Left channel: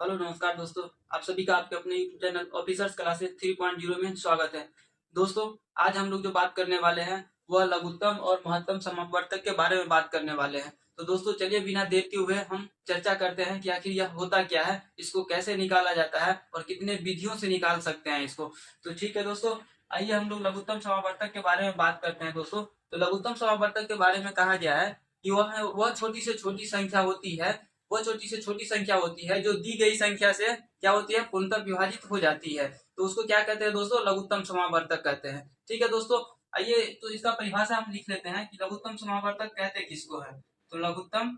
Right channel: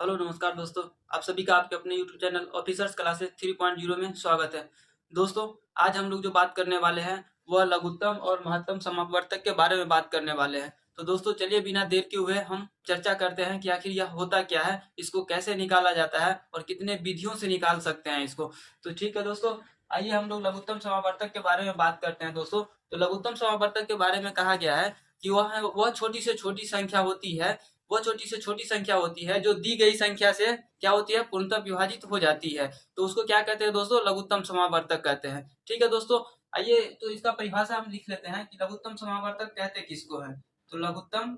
Hello नमस्कार दोस्तों। आप सभी का आपके अपने यूट्यूब चैनल ऑफिसर्स क्लासेस 3.0 में स्वागत है। दोस्तों, आज हम लोग जो बात करने वाले हैं वह लघुत्तम और महत्तम समापवर्तक के बारे में बात करने वाले हैं। तो दोस्तों, चलिए बिना देर के हुए हम चर्चा करते हैं कि आखिर यह होता क्या है, इसको कैसे निकाला जाता है और कितने विधियों से निकाल सकते हैं इसको। तो ठीक है दोस्तों, आइए हम लोग लघुत्तम समापवर्तक के बारे में बात करते हैं। दोस्तों, तो लघुत्तम समापवर्तक के बारे में कहा गया है कि वह छोटी से छोटी संख्या होती है। वह छोटी से छोटी संख्या होती है जो दी गई संख्या से क्या होती है, पूर्णतः विभाजित हो जाती है। तो उसको क्या कहते हैं दोस्तों, लघुत्तम समावर्तक कहते हैं। ठीक है दोस्तों, आइए तो इसका परिभाषा हम लिख लेते हैं कि लघुत्तम समावर्तक कहते किसको है। तो लघुत्तम,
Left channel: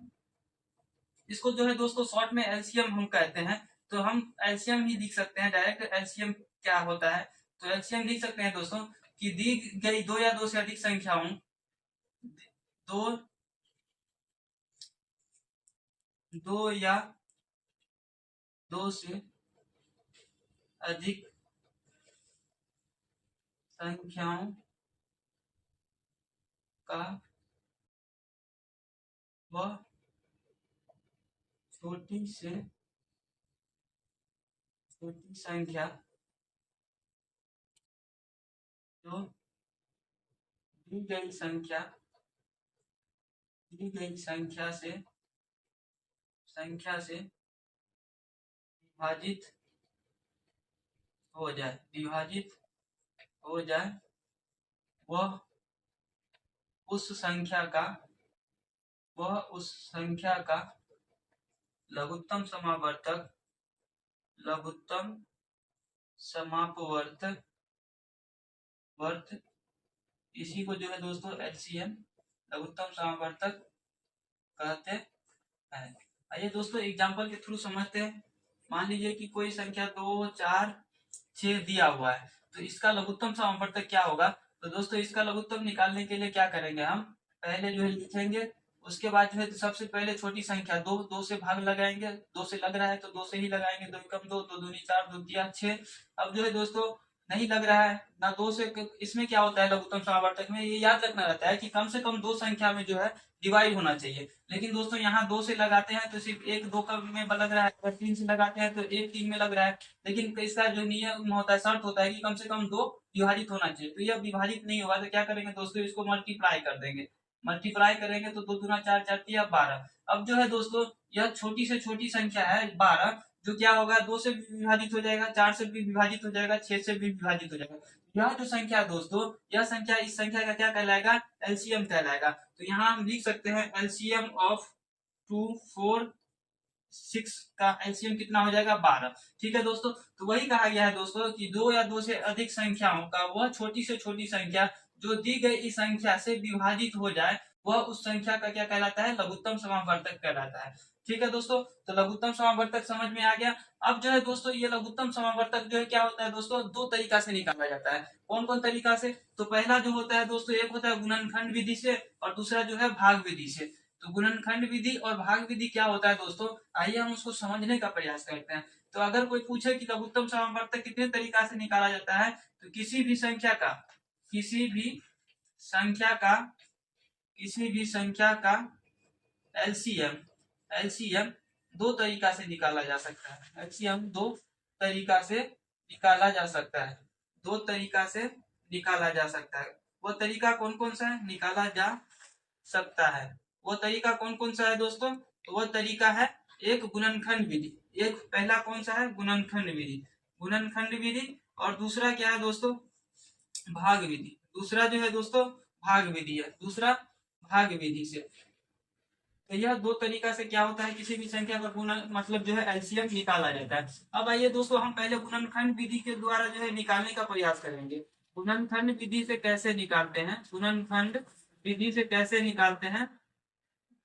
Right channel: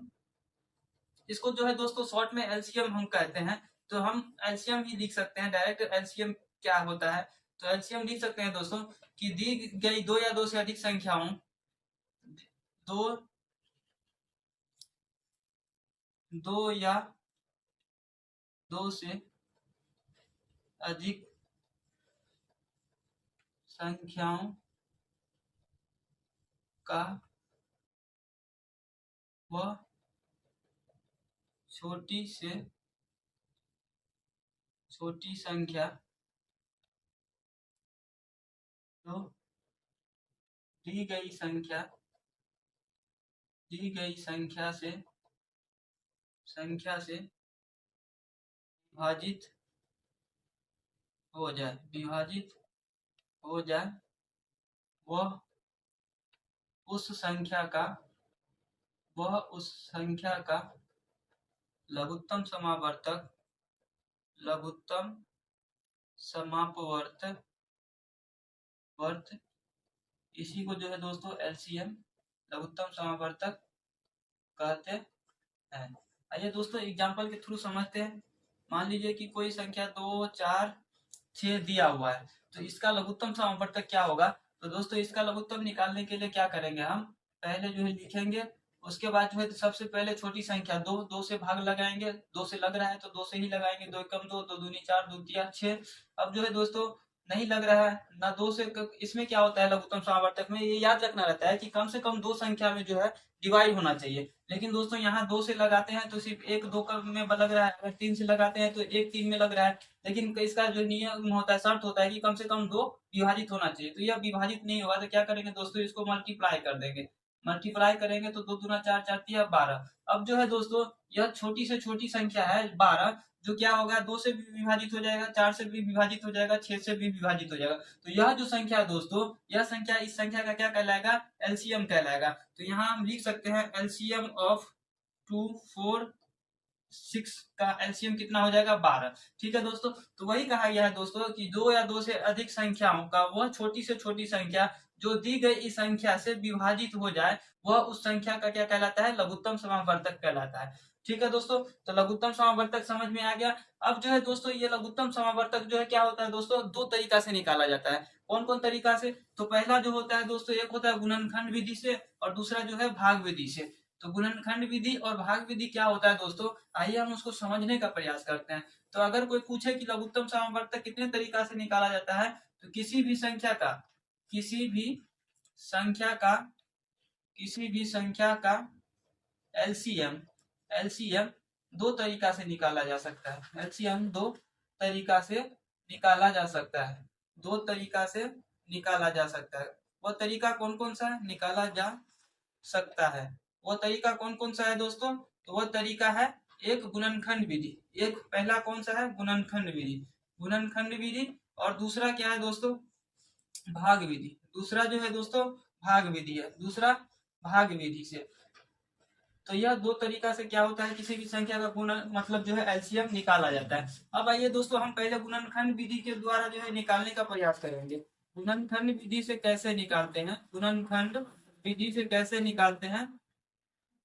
इसको जो है दोस्तों शॉर्ट में एलसीएम हम कहते हैं। तो हम एलसीएम ही लिख सकते हैं, डायरेक्ट एलसीएम क्या होता है। तो एलसीएम लिख सकते हैं दोस्तों कि दी गई दो या दो से अधिक संख्याओं, दो दो या दो से अधिक संख्याओं का वह छोटी से छोटी संख्या जो दी गई संख्या दी गई संख्या से विभाजित हो जाए वह उस संख्या का लघुत्तम समावर्तक लघुत्तम समापवर्तक वर्त इसी को जो है दोस्तों एलसीएम लघुत्तम समावर्तक कहते हैं। आइए दोस्तों एग्जांपल के थ्रू समझते हैं। मान लीजिए कि कोई संख्या 2 4 6 दिया हुआ है, तो इसका लघुत्तम समावर्तक क्या होगा। तो दोस्तों इसका लघुत्तम निकालने के लिए क्या करेंगे, हम पहले जो है लिखेंगे। उसके बाद जो है तो सबसे पहले छोटी संख्या दो, दो से भाग लगाएंगे। दो से लग रहा है तो दो से ही लगाएंगे। दो एकम दो, दो दूनी चार, दो तिया छह। अब जो है दोस्तों नहीं लग रहा है ना दो से, इसमें क्या होता है लघुत्तम समावर्तक में, ये याद रखना रहता है कि कम से कम दो संख्या में जो है डिवाइड होना चाहिए। लेकिन दोस्तों यहाँ दो से लगाते हैं तो सिर्फ एक दो का में लग रहा है, अगर तीन से लगाते हैं तो एक तीन में लग रहा है। लेकिन इसका जो नियम होता है, शर्त होता है कि कम से कम दो विभाजित होना चाहिए। तो यह विभाजित नहीं होगा तो क्या करेंगे दोस्तों, इसको मल्टीप्लाई कर देंगे। मल्टीप्लाई करेंगे तो दो दूना चार, चार तिया 12। अब जो है दोस्तों यह छोटी से छोटी संख्या है 12, जो क्या होगा, दो से भी विभाजित हो जाएगा, चार से भी विभाजित हो जाएगा, छह से भी विभाजित हो जाएगा। तो यह जो संख्या है दोस्तों, यह संख्या इस संख्या का क्या कहलाएगा, एलसीएम कहलाएगा। तो यहाँ हम लिख सकते हैं एलसीएम ऑफ 2 4 6 का एलसीएम कितना हो जाएगा, 12। ठीक है दोस्तों, तो वही कहा गया है दोस्तों कि दो या दो से अधिक संख्याओं का वह छोटी से छोटी संख्या जो दी गई इस संख्या से विभाजित हो जाए, वह उस संख्या का क्या कहलाता है, लघुत्तम समावर्तक कहलाता है। ठीक है दोस्तों, तो लघुत्तम समावर्तक समझ में आ गया। अब जो है दोस्तों ये लघुत्तम समावर्तक जो है क्या होता है दोस्तों, दो तरीका से निकाला जाता है। कौन कौन तरीका से, तो पहला जो होता है दोस्तों, एक होता है गुणनखंड विधि से और दूसरा जो है भाग विधि से। तो गुणनखंड विधि और भाग विधि क्या होता है दोस्तों, आइए हम उसको समझने का प्रयास करते हैं। तो अगर कोई पूछे कि लघुत्तम समावर्तक कितने तरीका से निकाला जाता है, तो किसी भी संख्या का एलसीएम एलसीएम दो तरीका से निकाला जा सकता है। एलसीएम दो तरीका से निकाला जा सकता है। दो तरीका से निकाला जा सकता है। वो तरीका कौन कौन सा है निकाला जा सकता है, वो तरीका कौन कौन सा है दोस्तों, तो वो तरीका है एक गुणनखंड विधि। एक पहला कौन सा है, गुणनखंड विधि। और दूसरा क्या है दोस्तों, भाग विधि। दूसरा जो है दोस्तों भाग विधि है, दूसरा भाग विधि से। तो यह दो तरीका से क्या होता है, किसी भी संख्या का गुणन मतलब जो है एलसीएम निकाला जाता है। अब आइए दोस्तों हम पहले गुणनखंड विधि के द्वारा जो है निकालने का प्रयास करेंगे। गुणनखंड विधि से कैसे निकालते हैं, गुणनखंड विधि से कैसे निकालते हैं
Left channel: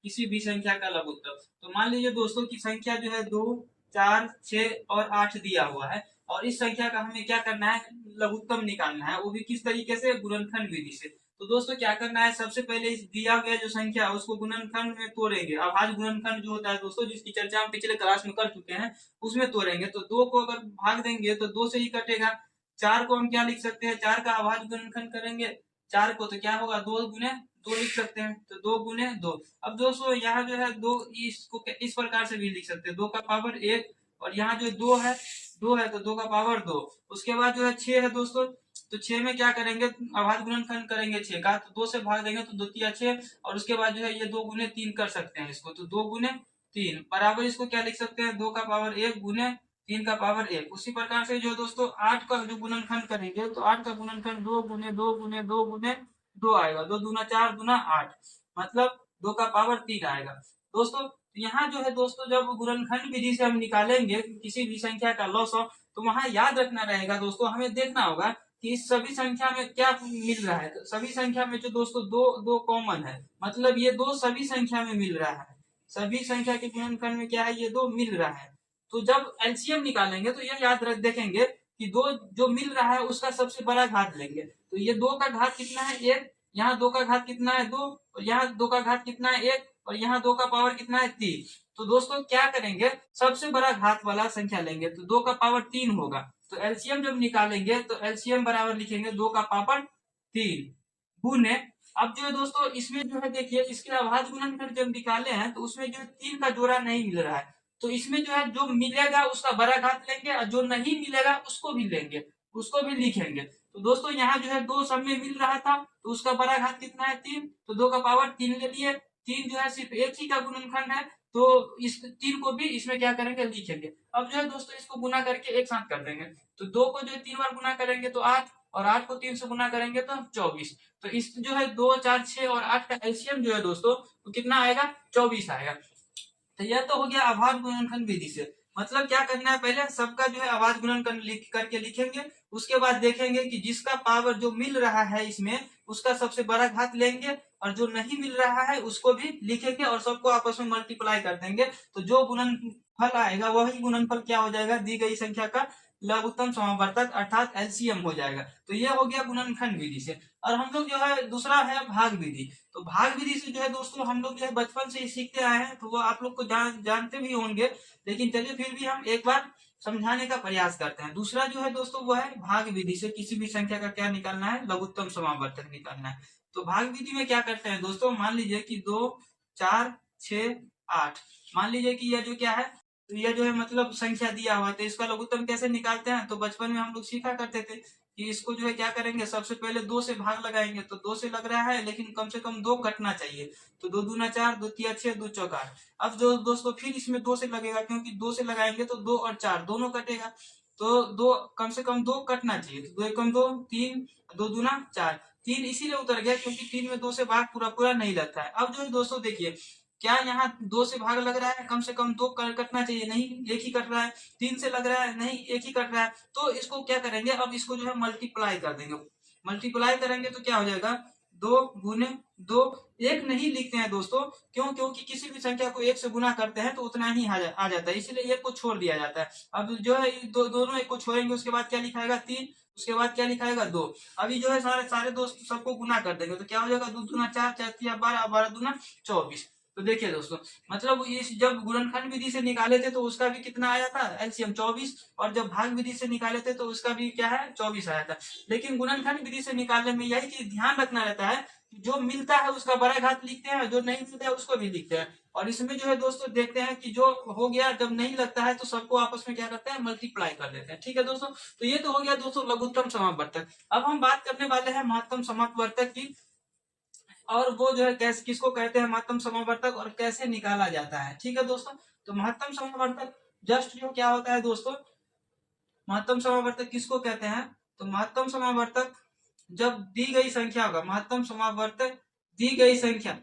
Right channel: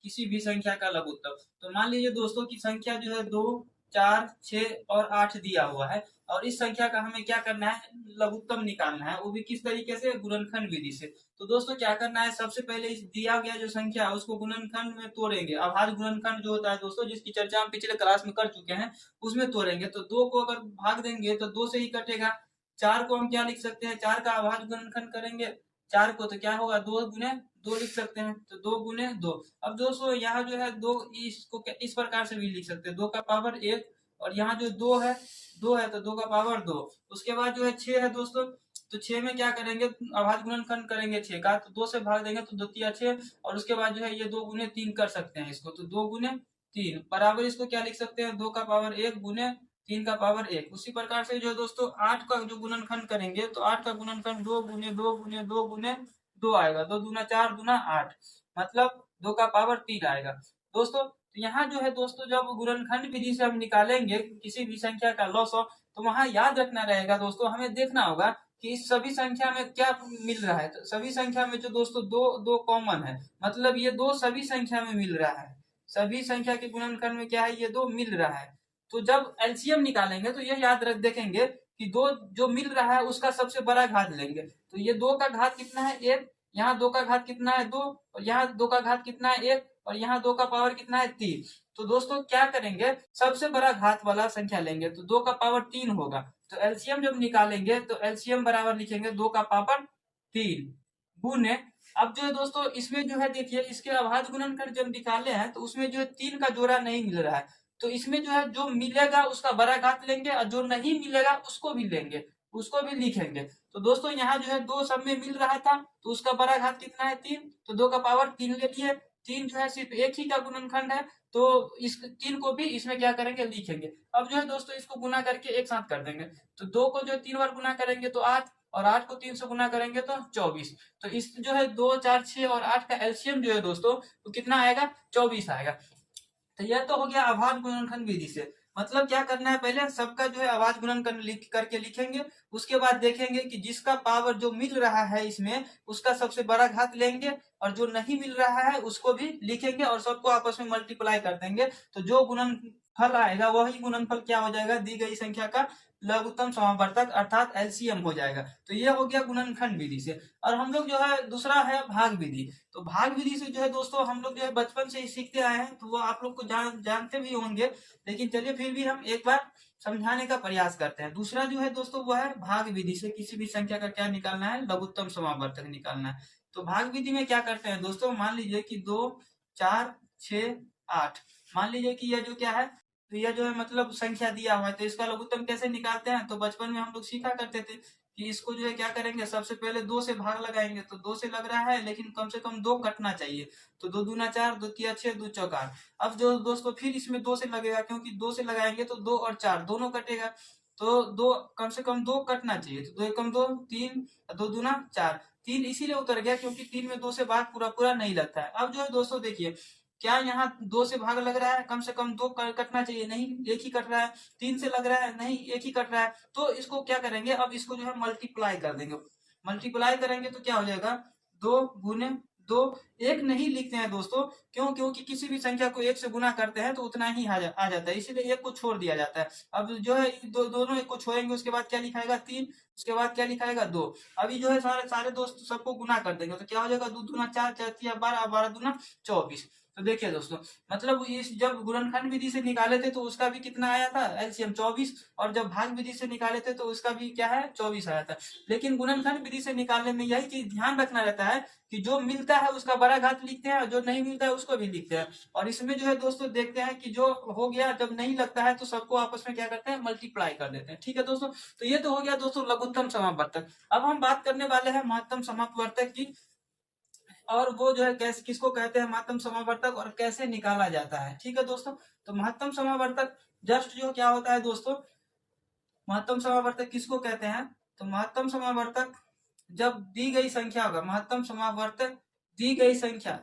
किसी भी संख्या का लघुत्तम। तो मान लीजिए दोस्तों की संख्या जो है 2 4 6 और 8 दिया हुआ है, और इस संख्या का हमें क्या करना है, लघुत्तम निकालना है, वो भी किस तरीके से, गुणनखंड विधि से। तो दोस्तों क्या करना है, सबसे पहले इस दिया गया जो संख्या है उसको गुणनखंड में तोड़ेंगे। अभाज्य गुणनखंड जो होता है दोस्तों, जिसकी चर्चा हम पिछले क्लास में कर चुके हैं, उसमें तोड़ेंगे। तो दो को अगर भाग देंगे तो दो से ही कटेगा। चार को हम क्या लिख सकते हैं, चार का अभाज्य गुणनखंड करेंगे चार को, तो क्या होगा, दो गुने दो लिख सकते हैं, तो दो गुने दो। अब दोस्तों यहाँ जो है दो, इसको इस प्रकार से भी लिख सकते हैं, दो का पावर एक और यहाँ जो 2 है तो 2 का पावर 2। उसके बाद जो है 6 है दोस्तों, तो 6 में क्या करेंगे, अभाज्य गुणनखंड करेंगे 6 का, तो 2 से भाग देंगे तो 2 तिया 6, और उसके बाद जो है ये 2 गुने 3 कर सकते हैं इसको, तो 2 गुने 3 बराबर इसको क्या लिख सकते हैं, 2 का पावर 1 गुने 3 का पावर 1। उसी प्रकार से जो दोस्तों 8 का जो गुणनखंड करेंगे, तो 8 का गुणनखंड 2 गुने 2 गुने 2 गुने 2 आएगा, 2 दूना 4 दूना 8, मतलब 2 का पावर 3 आएगा दोस्तों। तो यहाँ जो है दोस्तों जब गुणनखंड विधि से हम निकालेंगे किसी भी संख्या का लॉस, तो वहां याद रखना रहेगा दोस्तों, हमें देखना होगा कि इस सभी संख्या में क्या मिल रहा है। तो सभी संख्या में जो दोस्तों दो दो कॉमन है, मतलब ये 2 सभी संख्या में मिल रहा है, सभी संख्या के गुणनखंड में क्या है, ये 2 मिल रहा है। तो जब एलसीएम निकालेंगे तो ये याद रख देखेंगे कि 2 जो मिल रहा है उसका सबसे बड़ा घात लेंगे, तो ये 2 का घात कितना है 1, यहाँ 2 का घात कितना है 2, और यहाँ 2 का घात कितना है 1, और यहाँ 2 का पावर कितना है 3। तो दोस्तों क्या करेंगे, सबसे बड़ा घात वाला संख्या लेंगे, तो 2 का पावर 3 होगा। तो एलसीएम जब निकालेंगे तो एलसीएम बराबर लिखेंगे 2 का पावर 3 गुने, अब जो है दोस्तों इसमें जो है देखिए, इसके अभाज्य गुणनखंड जब निकाले हैं तो उसमें जो है 3 का जोड़ा नहीं मिल रहा है, तो इसमें जो है जो मिलेगा उसका बड़ा घात लेंगे, और जो नहीं मिलेगा उसको भी लेंगे, उसको भी लिखेंगे। तो दोस्तों यहाँ जो है 2 सब में मिल रहा था, तो उसका बड़ा घात कितना है 3, तो 2 का पावर 3 ले लिए। 3 जो है सिर्फ एक ही का गुणनखंड है, तो इस 3 को भी इसमें क्या करेंगे, लिखेंगे। अब जो है दोस्तों इसको गुना करके एक साथ कर देंगे, तो 2 को जो है 3 बार गुना करेंगे तो 8, और 8 को 3 से गुना करेंगे तो 24। तो इस जो है 2 4 6 और 8 का एलसीएम जो है दोस्तों, तो कितना आएगा, 24 आएगा। तो यह तो हो गया अभाज्य गुणनखंड विधि से। मतलब क्या करना है, पहले सबका जो है अभाज्य गुणनखंड लिख करके लिखेंगे, उसके बाद देखेंगे कि जिसका पावर जो मिल रहा है इसमें उसका सबसे बड़ा घात लेंगे, और जो नहीं मिल रहा है उसको भी लिखेंगे, और सबको आपस में मल्टीप्लाई कर देंगे, तो जो गुणनफल आएगा वही गुणनफल क्या हो जाएगा, दी गई संख्या का लघुत्तम समावर्तक अर्थात एलसीएम हो जाएगा। तो ये हो गया गुणनखंड विधि से। और हम लोग जो है दूसरा है भाग विधि। तो भाग विधि से जो है दोस्तों हम लोग जो है बचपन से ही सीखते आए हैं, तो वो आप लोग को जानते भी होंगे, लेकिन चलिए फिर भी हम एक बार समझाने का प्रयास करते हैं। दूसरा जो है दोस्तों वो है भाग विधि से किसी भी संख्या का क्या निकालना है, लघुत्तम समावर्तक निकालना है। तो भाग विधि में क्या करते हैं दोस्तों, मान लीजिए कि 2 4 6 8, मान लीजिए कि यह जो क्या है, तो यह जो है मतलब संख्या दिया हुआ है, तो इसका लघुत्तम कैसे निकालते हैं, तो बचपन में हम लोग सीखा करते थे कि इसको जो है क्या करेंगे, सबसे पहले 2 से भाग लगाएंगे, तो 2 से लग रहा है लेकिन कम से कम 2 कटना चाहिए, तो 2 दूना 4, 2 तिया 6, 2 चौका 8। अब जो दोस्तों फिर इसमें 2 से लगेगा, क्योंकि 2 से लगाएंगे तो 2 और 4 दोनों कटेगा, तो 2 कम से कम 2 कटना चाहिए, तो 2 एकम 2 3, 2 दूना 4, 3 इसीलिए उतर गया क्योंकि 3 में 2 से भाग पूरा पूरा नहीं लगता है। अब जो है दोस्तों देखिए, क्या यहाँ 2 से भाग लग रहा है, कम से कम 2 कटना चाहिए, नहीं एक ही कट रहा है। 3 से लग रहा है, नहीं एक ही कट रहा है, तो इसको क्या करेंगे, अब इसको जो है मल्टीप्लाई कर देंगे। मल्टीप्लाई करेंगे तो क्या हो जाएगा, 2 गुने 2, एक नहीं लिखते हैं दोस्तों, क्यों, क्योंकि किसी भी संख्या को 1 से गुना करते हैं तो उतना ही आ जाता है, इसीलिए 1 को छोड़ दिया जाता है। अब जो है दोनों 1 को छोड़ेंगे, उसके बाद क्या लिखाएगा 3, उसके बाद क्या लिखाएगा 2। अभी जो है सारे सारे दोस्त सबको गुना कर देंगे, तो क्या हो जाएगा, 2 दूना 4, 4 तिया 12, 12 दूना 24। तो देखिए दोस्तों, मतलब इस जब गुणनखंड विधि से निकाले थे तो उसका भी कितना आया था, एलसीएम 24, और जब भाग विधि से निकाले थे तो उसका भी क्या है, 24 आया था। लेकिन गुणनखंड विधि से निकालने में यही चीज ध्यान रखना रहता है कि जो मिलता है उसका बड़ा घात लिखते हैं, जो नहीं मिलता है उसको भी लिखते हैं। और इसमें जो है दोस्तों देखते हैं कि जो हो गया, जब नहीं लगता है तो सबको आपस में क्या करते हैं, मल्टीप्लाई कर देते हैं। ठीक है दोस्तों, तो ये तो हो गया दोस्तों लघुत्तम समावर्तक। अब हम बात करने वाले हैं महत्तम समावर्तक की, और वो जो है कैसे, किसको कहते हैं महत्तम समावर्तक, और कैसे निकाला जाता है। ठीक है दोस्तों, तो महत्तम समावर्तक जस्ट जो क्या होता है दोस्तों, महत्तम समावर्तक किसको कहते हैं, तो महत्तम समावर्तक जब दी गई संख्या होगा, महत्तम समावर्तक दी गई संख्या,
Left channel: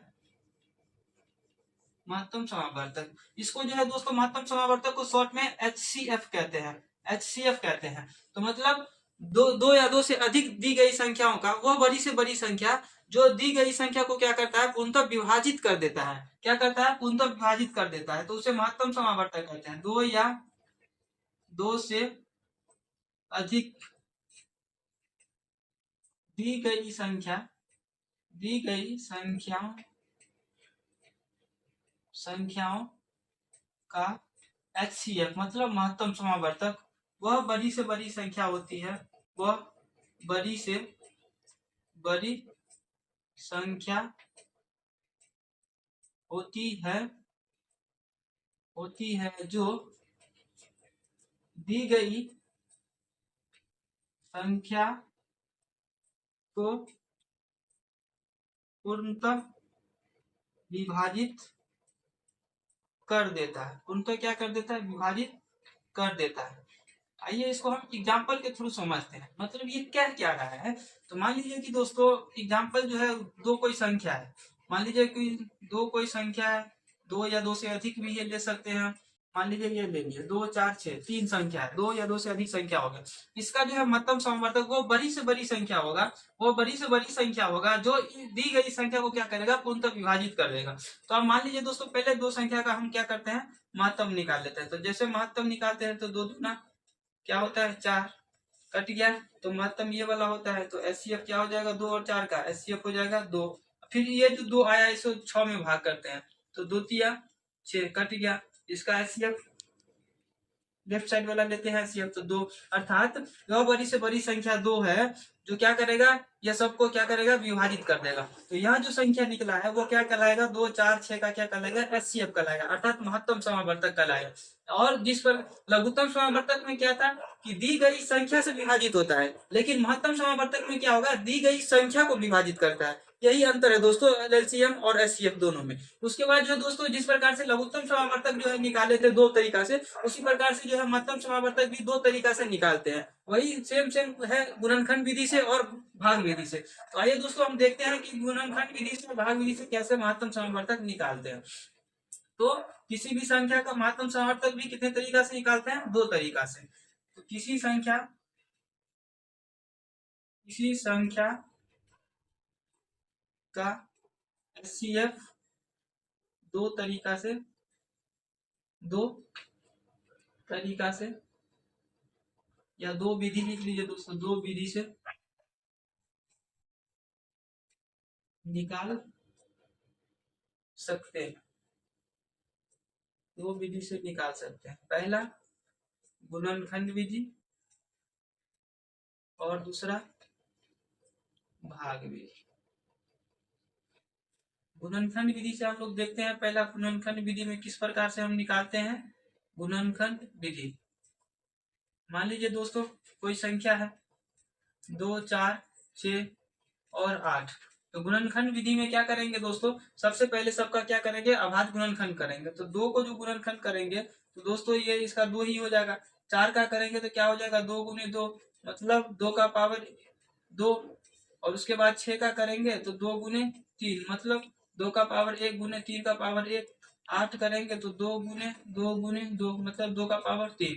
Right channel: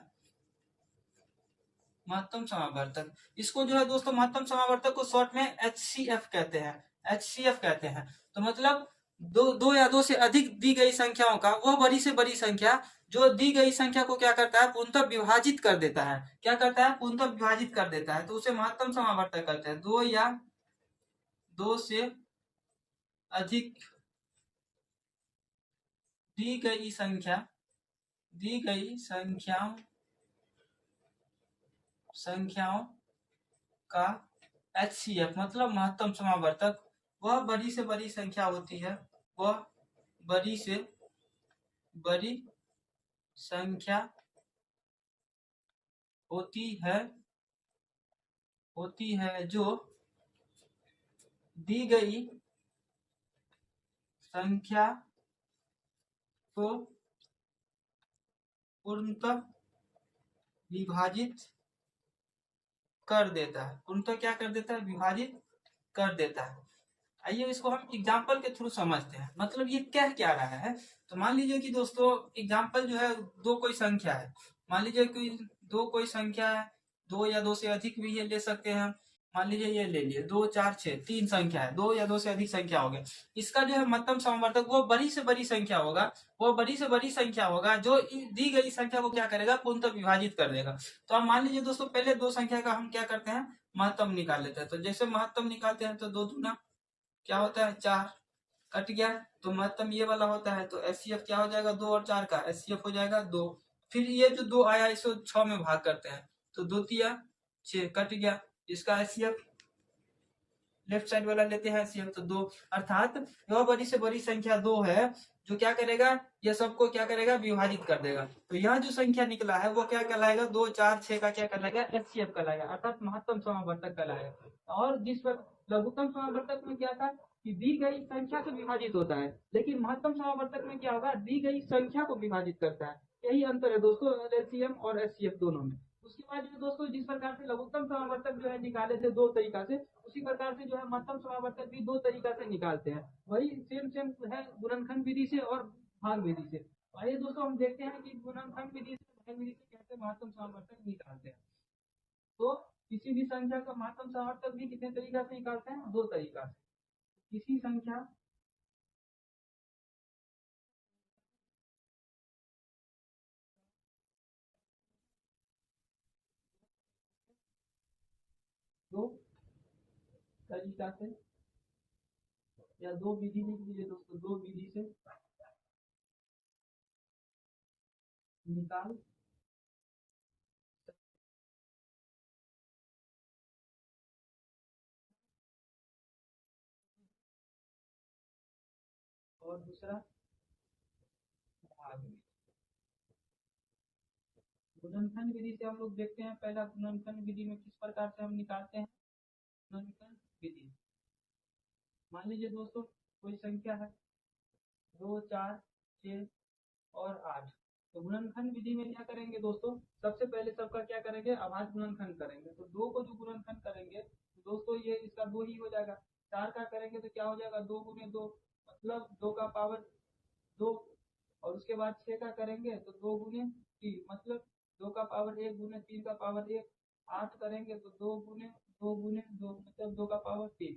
महत्तम समावर्तक, इसको जो है दोस्तों महत्तम समावर्तक को शॉर्ट में एचसीएफ कहते हैं, एचसीएफ कहते हैं। तो मतलब दो या दो से अधिक दी गई संख्याओं का वह बड़ी से बड़ी संख्या जो दी गई संख्या को क्या करता है, पूर्णतः विभाजित कर देता है, क्या करता है, पूर्णतः विभाजित कर देता है, तो उसे महत्तम समावर्तक कहते हैं। दो या दो से अधिक दी गई संख्या, दी गई संख्याओं का एचसीएफ मतलब महत्तम समावर्तक, वह बड़ी से बड़ी संख्या होती है, वह बड़ी से बड़ी संख्या होती है जो दी गई संख्या को पूर्णतः विभाजित कर देता है। पूर्णतः क्या कर देता है? विभाजित कर देता है। आइए इसको हम एग्जाम्पल के थ्रू समझते हैं। मतलब ये कह क्या रहा है? तो मान लीजिए कि दोस्तों एग्जाम्पल जो है दो कोई संख्या है। मान लीजिए कि दो कोई संख्या है, दो या दो से अधिक भी ये ले सकते हैं। मान लीजिए ये ले लिए 2 4 6 तीन संख्या है, दो या दो से अधिक संख्या हो गया। इसका जो है महत्तम समवर्तक वो बड़ी से बड़ी संख्या होगा, वो बड़ी से बड़ी संख्या होगा जो दी गई संख्या को क्या करेगा? पूर्णतः विभाजित कर देगा। तो अब मान लीजिए दोस्तों पहले दो संख्या का हम क्या करते हैं? महत्तम निकाल लेते हैं। तो जैसे महत्तम निकालते हैं तो 2 दूना क्या होता है? 4, कट गया। तो महत्तम ये वाला होता है तो एचसीएफ क्या हो जाएगा? 2 और 4 का एचसीएफ हो जाएगा 2। फिर ये जो 2 आया इसको 6 में भाग करते हैं तो 2 तिया 6, कट गया। इसका एचसीएफ लेफ्ट साइड वाला लेते हैं एचसीएफ तो 2। अर्थात यह बड़ी से बड़ी संख्या 2 है जो क्या करेगा? यह सबको क्या करेगा? विभाजित कर देगा। तो यह जो संख्या निकला है वो क्या कहलाएगा? 2 4 6 का क्या कहलाएगा? एचसीएफ कहलाएगा, अर्थात महत्तम समावर्तक कहलाएगा। और जिस पर लघुत्तम समावर्तक में क्या था कि दी गई संख्या से विभाजित होता है, लेकिन महत्तम समावर्तक में क्या होगा? दी गई संख्या को विभाजित करता है। यही अंतर है दोस्तों एलसीएम और एचसीएफ दोनों में। उसके बाद जो दोस्तों जिस प्रकार से लघुत्तम समावर्तक जो है निकाले थे दो तरीका से, उसी प्रकार से जो है महत्तम समावर्तक भी दो तरीका से निकालते हैं। वही सेम सेम है गुणनखंड विधि से और भाग विधि से। तो आइए दोस्तों हम देखते हैं कि गुणनखंड विधि से भाग विधि से कैसे महत्तम समावर्तक निकालते हैं। तो किसी भी संख्या का महत्तम समावर्तक भी कितने तरीका से निकालते हैं? दो तरीका से। तो किसी संख्या का एचसीएफ दो तरीका से या दो विधि लिख लीजिए दोस्तों, दो विधि से निकाल सकते हैं। दो विधि से निकाल सकते हैं। पहला गुणनखंड विधि और दूसरा भाग विधि। गुणनखंड विधि से हम लोग देखते हैं पहला गुणनखंड विधि में किस प्रकार से हम निकालते हैं। गुणनखंड विधि, मान लीजिए दोस्तों कोई संख्या है 2 4 6 और 8। तो गुणनखंड विधि में क्या करेंगे दोस्तों? सबसे पहले सबका क्या करेंगे? अभाज्य गुणनखंड करेंगे। तो 2 को जो गुणनखंड करेंगे तो दोस्तों ये इसका 2 ही हो जाएगा। 4 का करेंगे तो क्या हो जाएगा? 2 गुने 2 मतलब 2 का पावर 2। और उसके बाद 6 का करेंगे तो 2 गुने 3 मतलब 2 का पावर 1 गुने 3 का पावर 1। 8 करेंगे तो 2 गुने 2 गुने 2 मतलब 2 का पावर 3।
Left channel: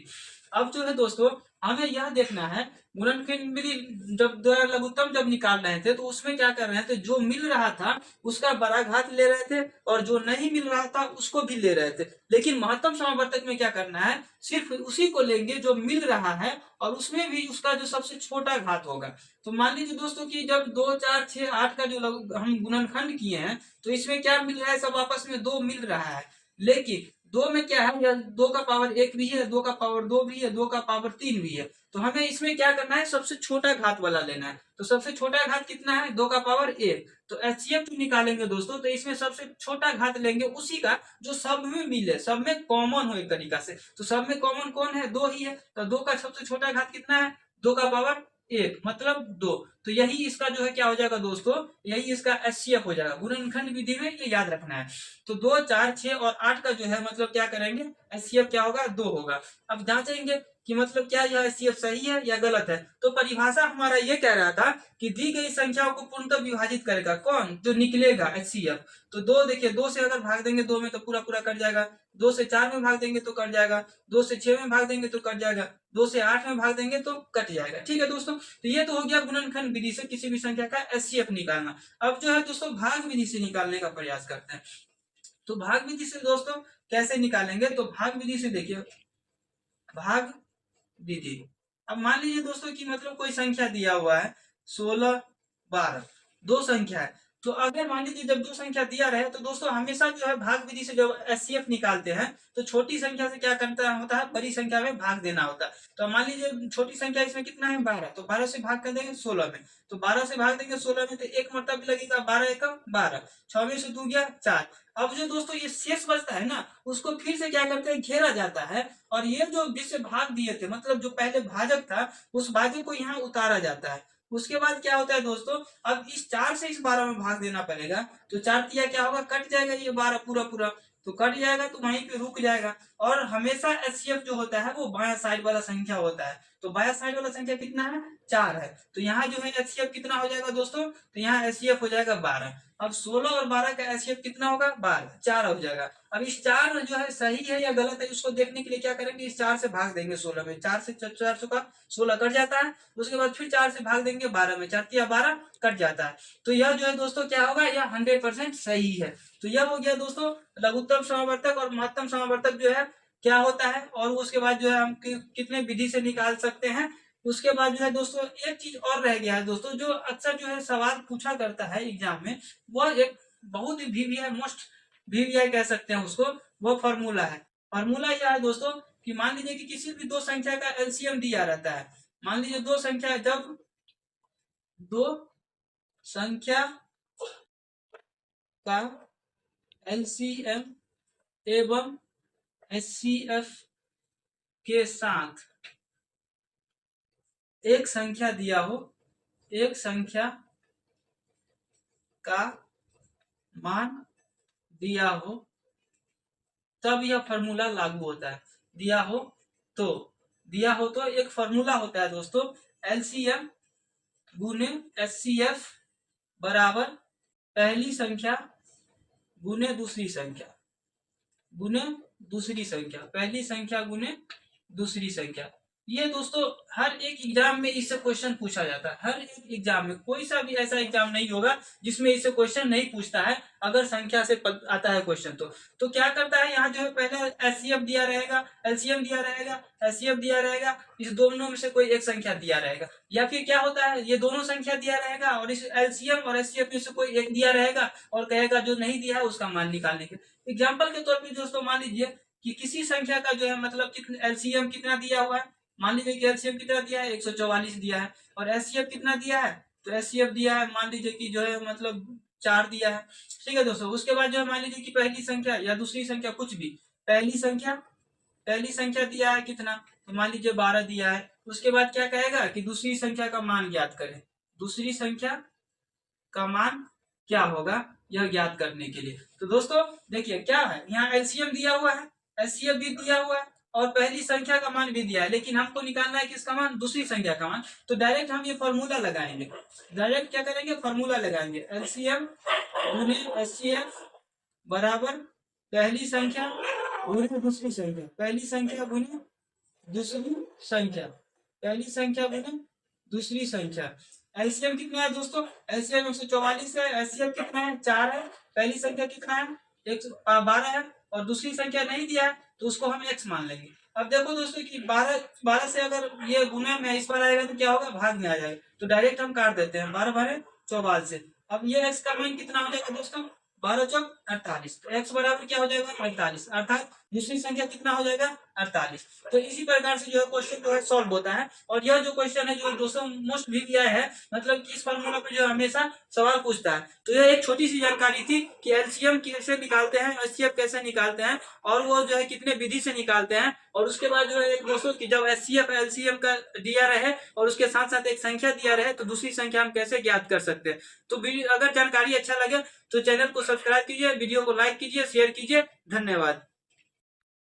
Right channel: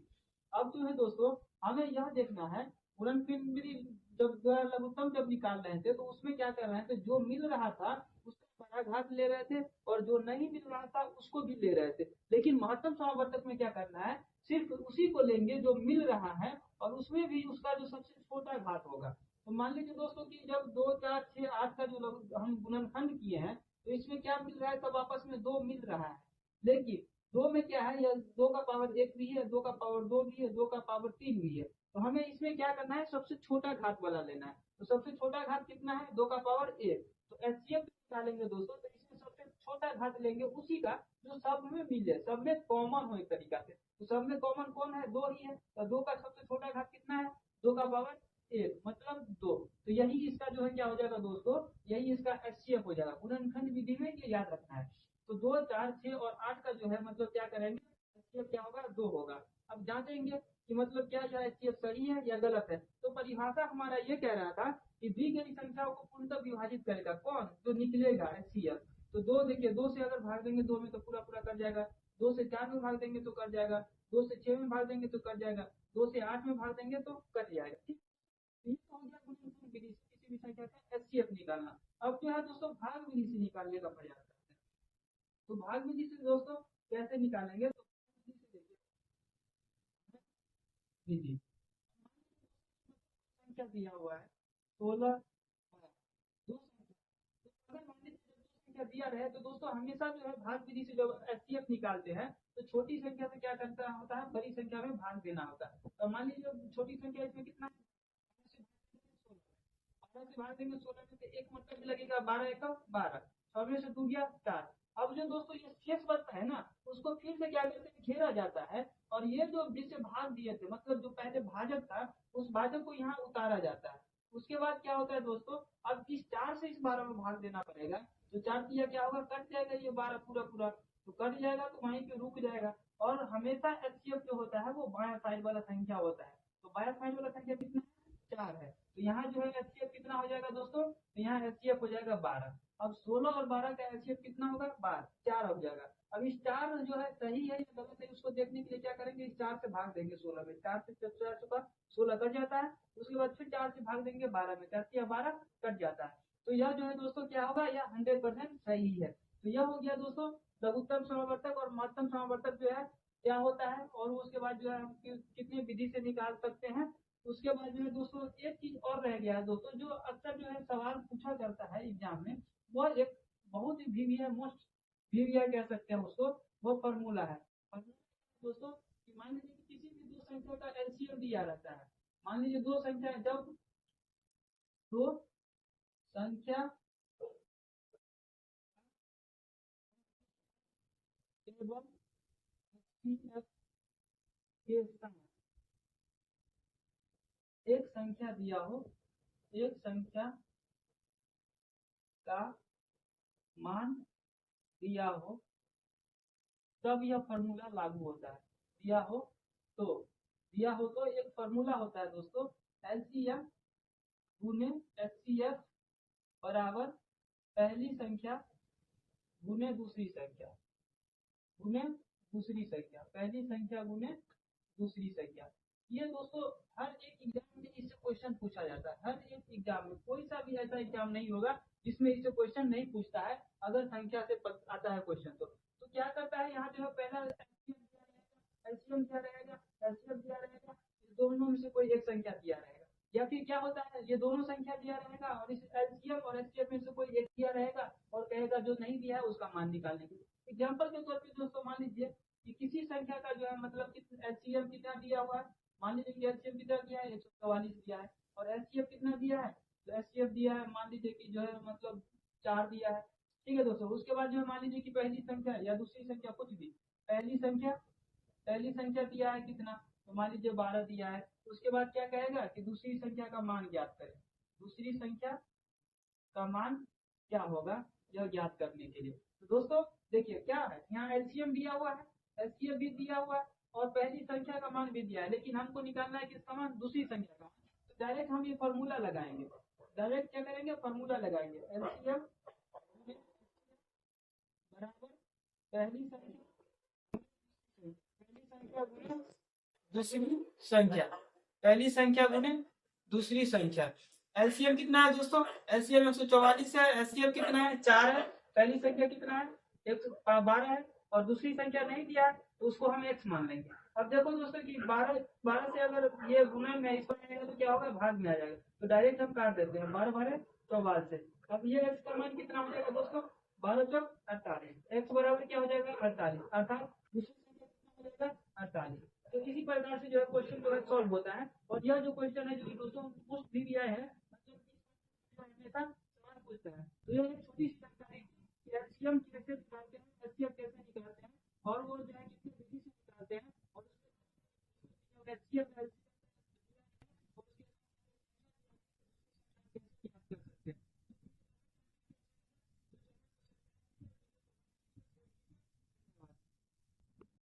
अब जो है दोस्तों हमें यह देखना है गुणनखंड विधि जब द्वारा लघुत्तम जब निकाल रहे थे तो उसमें क्या कर रहे थे? जो मिल रहा था उसका बड़ा घात ले रहे थे और जो नहीं मिल रहा था उसको भी ले रहे थे। लेकिन महत्तम समावर्तक में क्या करना है? सिर्फ उसी को लेंगे जो मिल रहा है और उसमें भी उसका जो सबसे छोटा घात होगा। तो मान लीजिए दोस्तों कि जब 2 4 6 8 का जो हम गुणनखंड किए हैं तो इसमें क्या मिल रहा है? सब आपस में 2 मिल रहा है। लेकिन 2 में क्या है? या 2 का पावर 1 भी है, 2 का पावर 2 भी है, 2 का पावर 3 भी है। तो हमें इसमें क्या करना है? सबसे छोटा घात वाला लेना है। तो सबसे छोटा घात कितना है? 2 का पावर 1। तो एचसीएफ जो निकालेंगे दोस्तों तो इसमें सबसे छोटा घात लेंगे उसी का जो सब में मिले, सब में कॉमन हो एक तरीका से। तो सब में कॉमन कौन है? 2 ही है। तो 2 का सबसे छोटा घात कितना है? 2 का पावर 1 मतलब 2। तो यही इसका जो है क्या हो जाएगा दोस्तों? यही इसका एचसीएफ हो जाएगा। गुणनखंड विधि में ये याद रखना है। तो 2 4 6 और 8 का जो है मतलब क्या करेंगे? एचसीएफ क्या होगा? 2 होगा। अब जांचेंगे कि मतलब क्या यह एचसीएफ सही है या गलत है। तो परिभाषा हमारा ये कह रहा था कि दी गई संख्याओं को पूर्णतः विभाजित करेगा कौन? जो निकलेगा एचसीएफ। तो 2 देखिए 2 से अगर भाग देंगे 2 में तो पूरा पूरा कट जाएगा। 2 से 4 में भाग देंगे तो कट जाएगा। 2 से 6 में भाग देंगे तो कट जाएगा। 2 से 8 में भाग देंगे तो कट जाएगा। ठीक है दोस्तों, तो ये तो हो गया गुणनखंड विधि से किसी भी संख्या का एचसीएफ निकालना। अब जो है दोस्तों भाग विधि से निकालने का प्रयास करते हैं। तो भाग विधि से दोस्तों कैसे निकालेंगे? तो भाग विधि से देखिए, भाग विधि। अब मान लीजिए दोस्तों कि मतलब कोई संख्या दिया हुआ है 16 12, दो संख्या है। तो अगर मान लीजिए जब दो संख्या दिया रहे तो दोस्तों हमेशा जो है भाग विधि से जब एचसीएफ निकालते हैं तो छोटी संख्या से क्या करना होता है? बड़ी संख्या में भाग देना होता है। तो मान लीजिए छोटी संख्या इसमें कितना है? 12। तो 12 से भाग कर देंगे 16 में। तो 12 से भाग देंगे 16 में तो एक मतलब लगेगा 12 एकम 12। 6 में से 2 गया 4। अब जो दोस्तों ये शेष बचता है ना, उसको फिर से क्या करते हैं, घेरा जाता है, और ये जो जिससे भाग दिए थे, मतलब जो पहले भाजक था, उस भाजक को यहाँ उतारा जाता है। उसके बाद क्या होता है दोस्तों, अब इस 4 से इस 12 में भाग देना पड़ेगा, तो 4 तिया क्या होगा, कट जाएगा, ये 12 पूरा पूरा तो कट जाएगा, तो वहीं पे रुक जाएगा। और हमेशा एचसीएफ जो होता है वो बाया साइड वाला संख्या होता है, तो बाया साइड वाला संख्या कितना है, 4 है, तो यहाँ जो है एचसीएफ कितना हो जाएगा दोस्तों, तो यहाँ एचसीएफ हो जाएगा 12। अब 16 और 12 का एचसीएफ कितना होगा, 12, 4 हो जाएगा। अब इस 4 जो है सही है या गलत है, उसको देखने के लिए क्या करेंगे, इस 4 से भाग देंगे 16 में, 4 से 4 का 16 कट जाता है, उसके बाद फिर 4 से भाग देंगे 12 में, 4 या 12 कट जाता है। तो यह जो है दोस्तों क्या होगा, यह 100% सही है। तो यह हो गया दोस्तों लघुत्तम समावर्तक और महत्तम समावर्तक जो है क्या होता है, और उसके बाद जो है हम कितने विधि से निकाल सकते हैं। उसके बाद जो है दोस्तों एक चीज और रह गया है दोस्तों, जो अक्सर जो है सवाल पूछा करता है एग्जाम में, वो एक बहुत ही वीवीआई मोस्ट वीवीआई कह सकते हैं उसको, वो फॉर्मूला है। फॉर्मूला यह है दोस्तों कि मान लीजिए कि किसी भी दो संख्या का एलसीएम दिया रहता है, मान लीजिए दो संख्या, जब दो संख्या का एलसीएम एवं एचसीएफ के साथ एक संख्या दिया हो, एक संख्या का मान दिया हो, तब यह फॉर्मूला लागू होता है। दिया हो तो एक फॉर्मूला होता है दोस्तों, एलसीएम गुने एचसीएफ बराबर पहली संख्या गुने दूसरी संख्या गुने दूसरी संख्या, पहली संख्या गुने दूसरी संख्या। ये दोस्तों हर एक एग्जाम में इससे क्वेश्चन पूछा जाता है, हर एक एग्जाम में, कोई सा भी ऐसा एग्जाम नहीं होगा जिसमें इससे क्वेश्चन नहीं पूछता है, अगर संख्या से आता है क्वेश्चन तो क्या करता है, यहाँ जो है पहले एचसीएफ दिया रहेगा, एलसीएम दिया रहेगा, एचसीएफ दिया रहेगा, इस दोनों में से कोई एक संख्या दिया रहेगा, या फिर क्या होता है, ये दोनों संख्या दिया रहेगा और इस एलसीएम और एचसीएफ में से कोई एक दिया रहेगा, और कहेगा जो नहीं दिया है उसका मान निकालने के। एग्जाम्पल के तौर पर दोस्तों मान लीजिए कि किसी संख्या का जो है मतलब एलसीएम कितना दिया हुआ है, मान लीजिए कि एलसीएम कितना दिया है, 144 दिया है, और एचसीएफ कितना दिया है, तो एचसीएफ दिया है मान लीजिए कि जो है मतलब 4 दिया है। ठीक है दोस्तों, उसके बाद जो है मान लीजिए कि पहली संख्या या दूसरी संख्या कुछ भी, पहली संख्या दिया है कितना, तो मान लीजिए 12 दिया है। उसके बाद क्या कहेगा कि दूसरी संख्या का मान ज्ञात करें, दूसरी संख्या का मान क्या होगा यह ज्ञात करने के लिए। तो दोस्तों देखिए क्या है, यहाँ एलसीएम दिया हुआ है, एचसीएफ भी दिया हुआ है, और पहली संख्या का मान भी दिया है, लेकिन हमको निकालना है किसका मान, दूसरी संख्या का मान। तो डायरेक्ट हम ये फॉर्मूला लगाएंगे, डायरेक्ट क्या करेंगे, फॉर्मूला लगाएंगे, एलसीएम गुने एचसीएफ बराबर पहली संख्या गुने दूसरी संख्या, पहली संख्या गुने दूसरी संख्या, पहली संख्या गुने दूसरी संख्या। एलसीएम कितना है दोस्तों, एलसीएम 144 है, एचसीएफ कितना है, 4 है, पहली संख्या कितना है, 12 है, और दूसरी संख्या नहीं दिया है तो उसको हम x मान लेंगे। अब देखो दोस्तों कि 12 से अगर ये गुने में इस बार आएगा तो क्या होगा, भाग में आ जाएगा, तो डायरेक्ट हम काट देते हैं 12 बारे 44 से। अब ये x का मान कितना हो जाएगा दोस्तों, 12 चौक 48, तो x बराबर क्या हो जाएगा 48, अर्थात दूसरी संख्या कितना हो जाएगा 48। तो इसी प्रकार से जो है क्वेश्चन जो है सॉल्व होता है। और यह जो क्वेश्चन है जो दोस्तों मोस्ट वीवीआई है, मतलब कि इस फॉर्मूला पे जो हमेशा सवाल पूछता है। तो यह एक छोटी सी जानकारी थी कि एलसीएम कैसे निकालते हैं, एचसीएफ कैसे निकालते हैं, और वो जो है कितने विधि से निकालते हैं। और उसके बाद जो है दोस्तों कि जब एचसीएफ एलसीएम का दिया रहे और उसके साथ साथ एक संख्या दिया रहे तो दूसरी संख्या हम कैसे ज्ञात कर सकते हैं। तो अगर जानकारी अच्छा लगे तो चैनल को सब्सक्राइब कीजिए, वीडियो को लाइक कीजिए, शेयर कीजिए। धन्यवाद।